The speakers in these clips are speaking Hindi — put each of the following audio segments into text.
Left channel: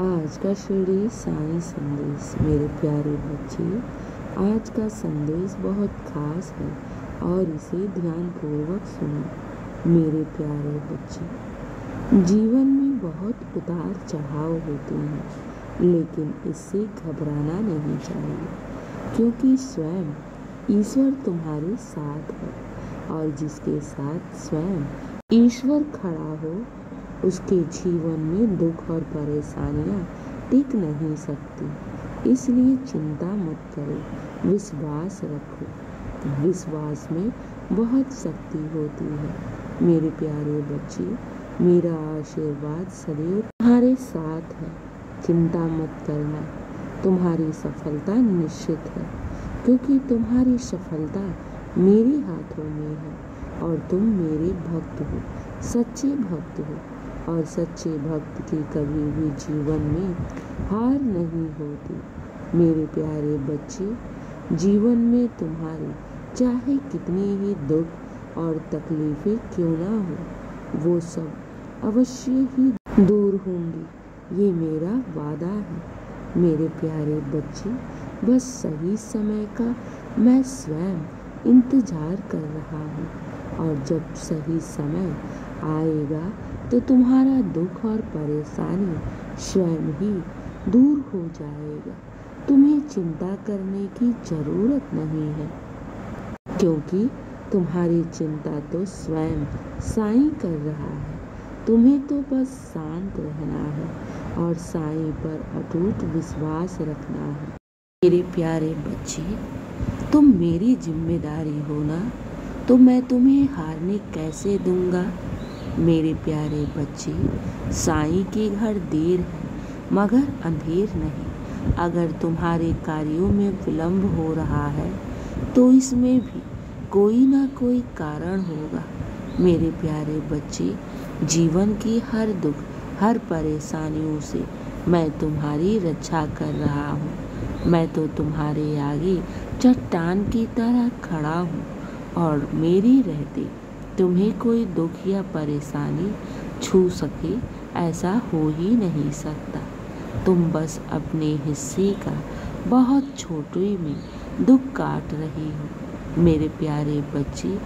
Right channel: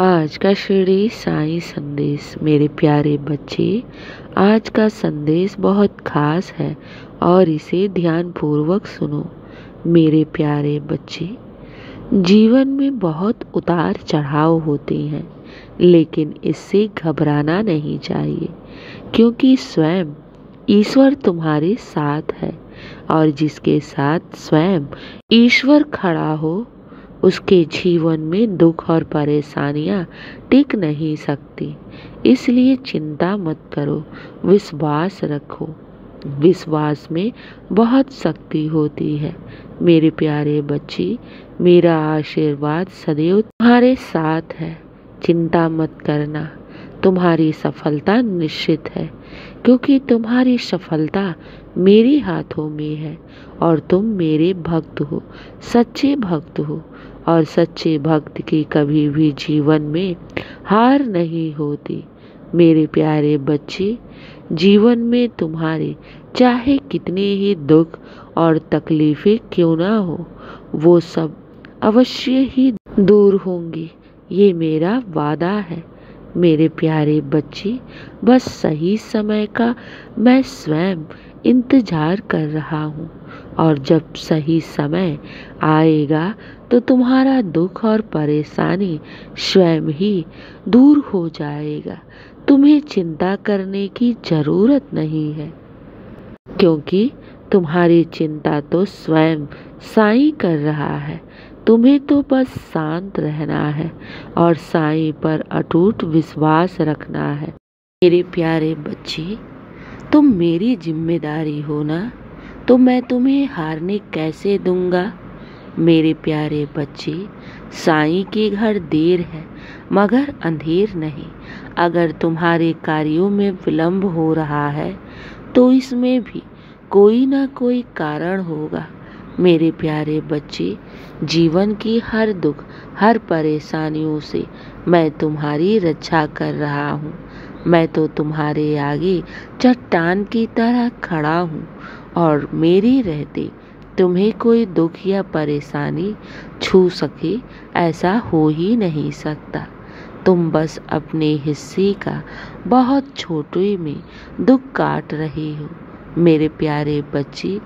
आज का शिरडी साईं संदेश। मेरे प्यारे बच्चे, आज का संदेश बहुत खास है और इसे ध्यानपूर्वक सुनो। मेरे प्यारे बच्चे, जीवन में बहुत उतार चढ़ाव होते हैं, लेकिन इससे घबराना नहीं चाहिए, क्योंकि स्वयं ईश्वर तुम्हारे साथ है और जिसके साथ स्वयं ईश्वर खड़ा हो, उसके जीवन में दुख और परेशानियां टिक नहीं सकती। इसलिए चिंता मत करो, विश्वास रखो। विश्वास में बहुत शक्ति होती है। मेरे प्यारे बच्चे, मेरा आशीर्वाद सदैव तुम्हारे साथ है। चिंता मत करना, तुम्हारी सफलता निश्चित है, क्योंकि तुम्हारी सफलता मेरे हाथों में है और तुम मेरे भक्त हो, सच्चे भक्त हो। और सच्चे भक्त की कभी भी जीवन में हार नहीं होती। मेरे प्यारे बच्चे, जीवन में तुम्हारे चाहे कितने ही दुख और तकलीफें क्यों ना हो, वो सब अवश्य ही दूर होंगी। ये मेरा वादा है। मेरे प्यारे बच्चे, बस सही समय का मैं स्वयं इंतजार कर रहा हूँ, और जब सही समय आएगा तो तुम्हारा दुख और परेशानी स्वयं ही दूर हो जाएगा। तुम्हें चिंता करने की जरूरत नहीं है, क्योंकि तुम्हारी चिंता तो स्वयं साईं कर रहा है। तुम्हें तो बस शांत रहना है और साईं पर अटूट विश्वास रखना है। मेरे प्यारे बच्चे, तुम मेरी जिम्मेदारी हो ना, तो मैं तुम्हें हारने कैसे दूंगा। मेरे प्यारे बच्चे, साईं के घर देर है मगर अंधेर नहीं। अगर तुम्हारे कार्यों में विलंब हो रहा है तो इसमें भी कोई ना कोई कारण होगा। मेरे प्यारे बच्चे, जीवन की हर दुख, हर परेशानियों से मैं तुम्हारी रक्षा कर रहा हूँ। मैं तो तुम्हारे आगे चट्टान की तरह खड़ा हूँ और मेरे रहते तुम्हें कोई दुख या परेशानी छू सके, ऐसा हो ही नहीं सकता। तुम बस अपने हिस्से का बहुत छोटे में दुख काट रहे हो। मेरे प्यारे बच्चे,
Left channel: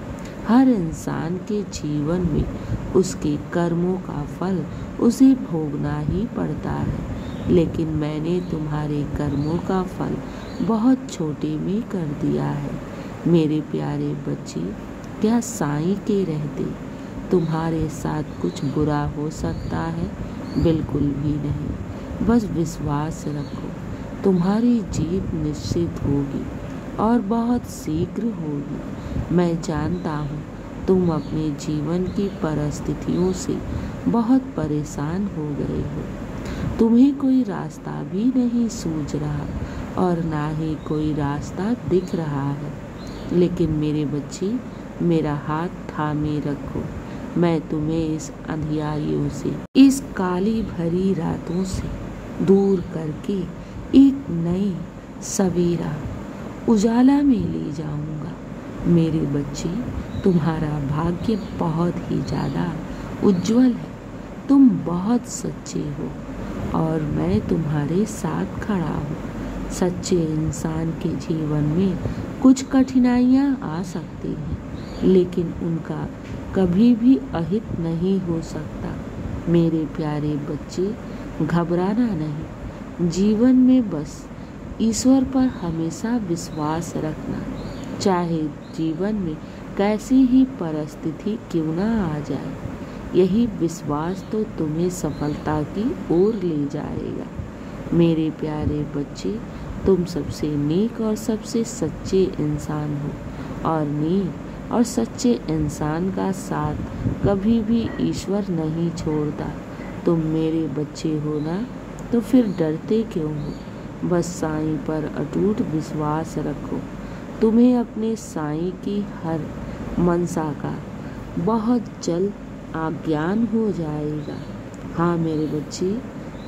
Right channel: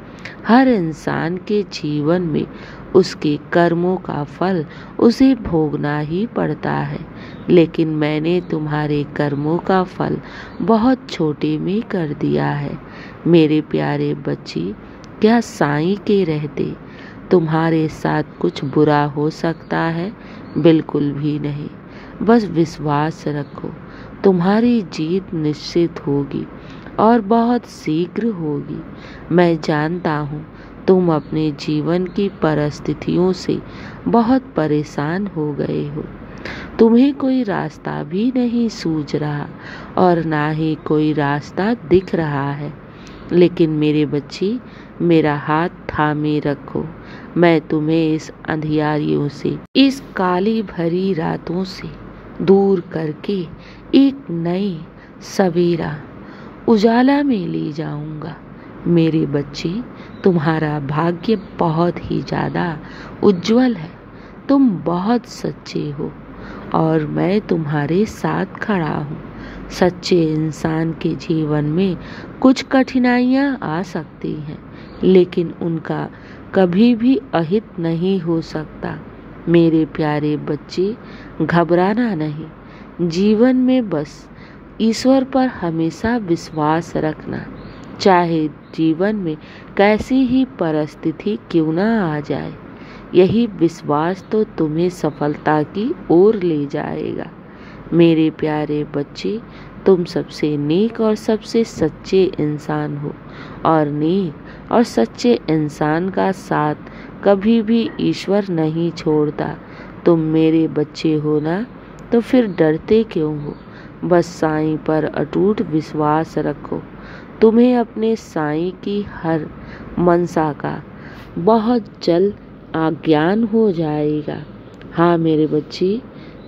हर इंसान के जीवन में उसके कर्मों का फल उसे भोगना ही पड़ता है, लेकिन मैंने तुम्हारे कर्मों का फल बहुत छोटे में कर दिया है। मेरे प्यारे बच्चे, क्या साईं के रहते तुम्हारे साथ कुछ बुरा हो सकता है? बिल्कुल भी नहीं। बस विश्वास रखो, तुम्हारी जीत निश्चित होगी और बहुत शीघ्र होगी। मैं जानता हूँ तुम अपने जीवन की परिस्थितियों से बहुत परेशान हो गए हो। तुम्हें कोई रास्ता भी नहीं सूझ रहा और ना ही कोई रास्ता दिख रहा है, लेकिन मेरे बच्चे, मेरा हाथ थामे रखो। मैं तुम्हें इस अंधियारियों से, इस काली भरी रातों से दूर करके एक नई सवेरा उजाला में ले जाऊंगा। मेरे बच्चे, तुम्हारा भाग्य बहुत ही ज़्यादा उज्जवल है। तुम बहुत सच्चे हो और मैं तुम्हारे साथ खड़ा हूँ। सच्चे इंसान के जीवन में कुछ कठिनाइयाँ आ सकती हैं, लेकिन उनका कभी भी अहित नहीं हो सकता। मेरे प्यारे बच्चे, घबराना नहीं। जीवन में बस ईश्वर पर हमेशा विश्वास रखना, चाहे जीवन में कैसी ही परिस्थिति क्यों ना आ जाए। यही विश्वास तो तुम्हें सफलता की ओर ले जाएगा। मेरे प्यारे बच्चे, तुम सबसे नेक और सबसे सच्चे इंसान हो, और नेक और सच्चे इंसान का साथ कभी भी ईश्वर नहीं छोड़ता। तुम मेरे बच्चे हो ना, तो फिर डरते क्यों हो? बस साईं पर अटूट विश्वास रखो। तुम्हें अपने साईं की हर मनसा का बहुत जल्द आज्ञान हो जाएगा। हाँ मेरे बच्चे,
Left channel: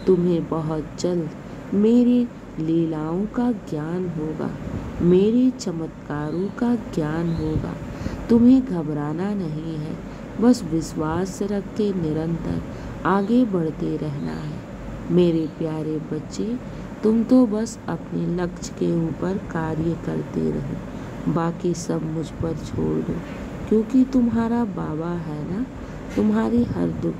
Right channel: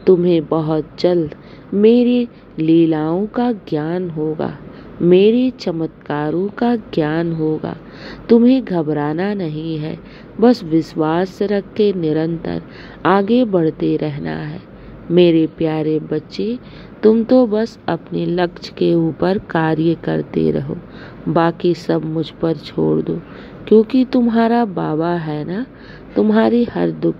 तुम्हें बहुत जल्द मेरी लीलाओं का ज्ञान होगा, मेरे चमत्कारों का ज्ञान होगा। तुम्हें घबराना नहीं है, बस विश्वास रख के निरंतर आगे बढ़ते रहना है। मेरे प्यारे बच्चे, तुम तो बस अपने लक्ष्य के ऊपर कार्य करते रहो, बाकी सब मुझ पर छोड़ दो, क्योंकि तुम्हारा बाबा है ना। तुम्हारी हर दुख,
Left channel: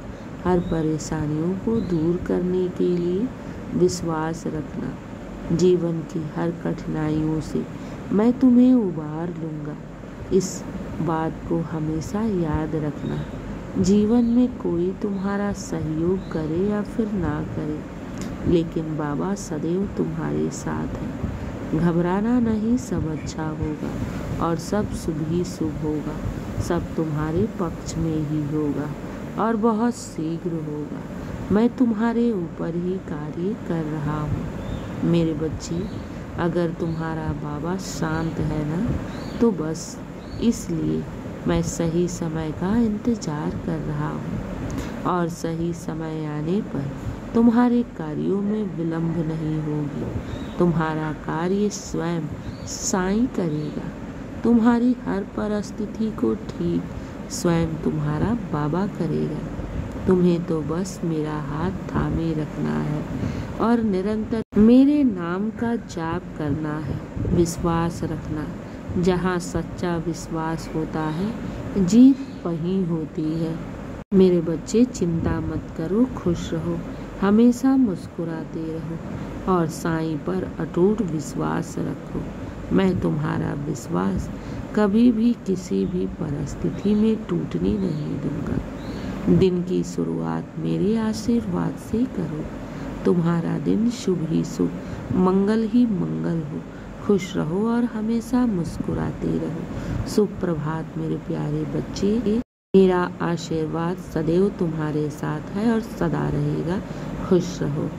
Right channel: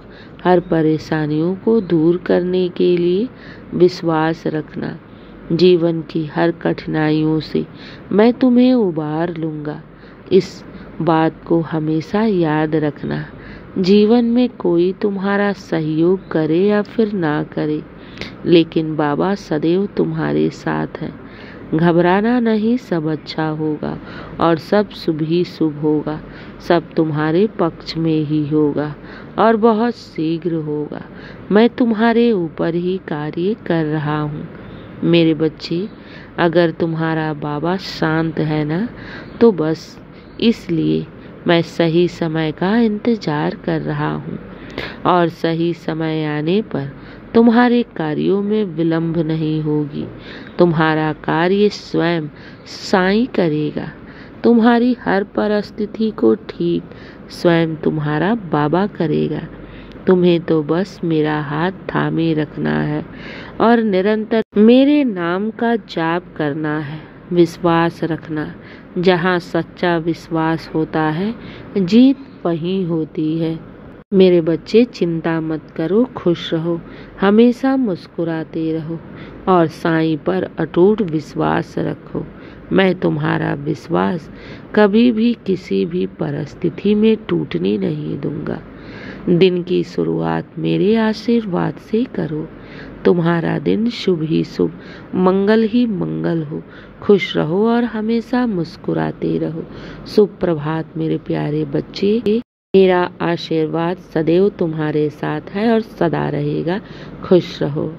हर परेशानियों को दूर करने के लिए विश्वास रखना। जीवन की हर कठिनाइयों से मैं तुम्हें उबार लूँगा। इस बात को हमेशा याद रखना। जीवन में कोई तुम्हारा सहयोग करे या फिर ना करे, लेकिन बाबा सदैव तुम्हारे साथ है। घबराना नहीं, सब अच्छा होगा और सब शुभ ही शुभ होगा। सब तुम्हारे पक्ष में ही होगा और बहुत शीघ्र होगा। मैं तुम्हारे ऊपर ही कार्य कर रहा हूँ। मेरे बच्चे, अगर तुम्हारा बाबा शांत है ना, तो बस इसलिए मैं सही समय का इंतजार कर रहा हूँ और सही समय आने पर तुम्हारे कार्यों में विलंब नहीं होगी। तुम्हारा कार्य स्वयं साईं करेगा। तुम्हारी हर परिस्थिति को ठीक स्वयं तुम्हारा बाबा करेगा। तुम्हें तो बस मेरा हाथ थामे रखना है और निरंतर मेरे नाम का जाप करना है। विश्वास रखना, जहाँ सच्चा विश्वास होता है, जीत वहीं होती है। मेरे बच्चे, चिंता मत करो, खुश रहो, हमेशा मुस्कुराते रहो और साईं पर अटूट विश्वास रखो। मैं तुम्हारा विश्वास कभी भी किसी भी परिस्थिति में टूटने नहीं दूंगा। दिन की शुरुआत मेरे आशीर्वाद से करो। तुम्हारा दिन शुभ ही शुभ, मंगल ही मंगल हो। खुश रहो और हमेशा मुस्कुराते रहो। शुभ प्रभात मेरे प्यारे बच्चे। मेरा आशीर्वाद सदैव तुम्हारे साथ है और सदा रहेगा। खुश रहो।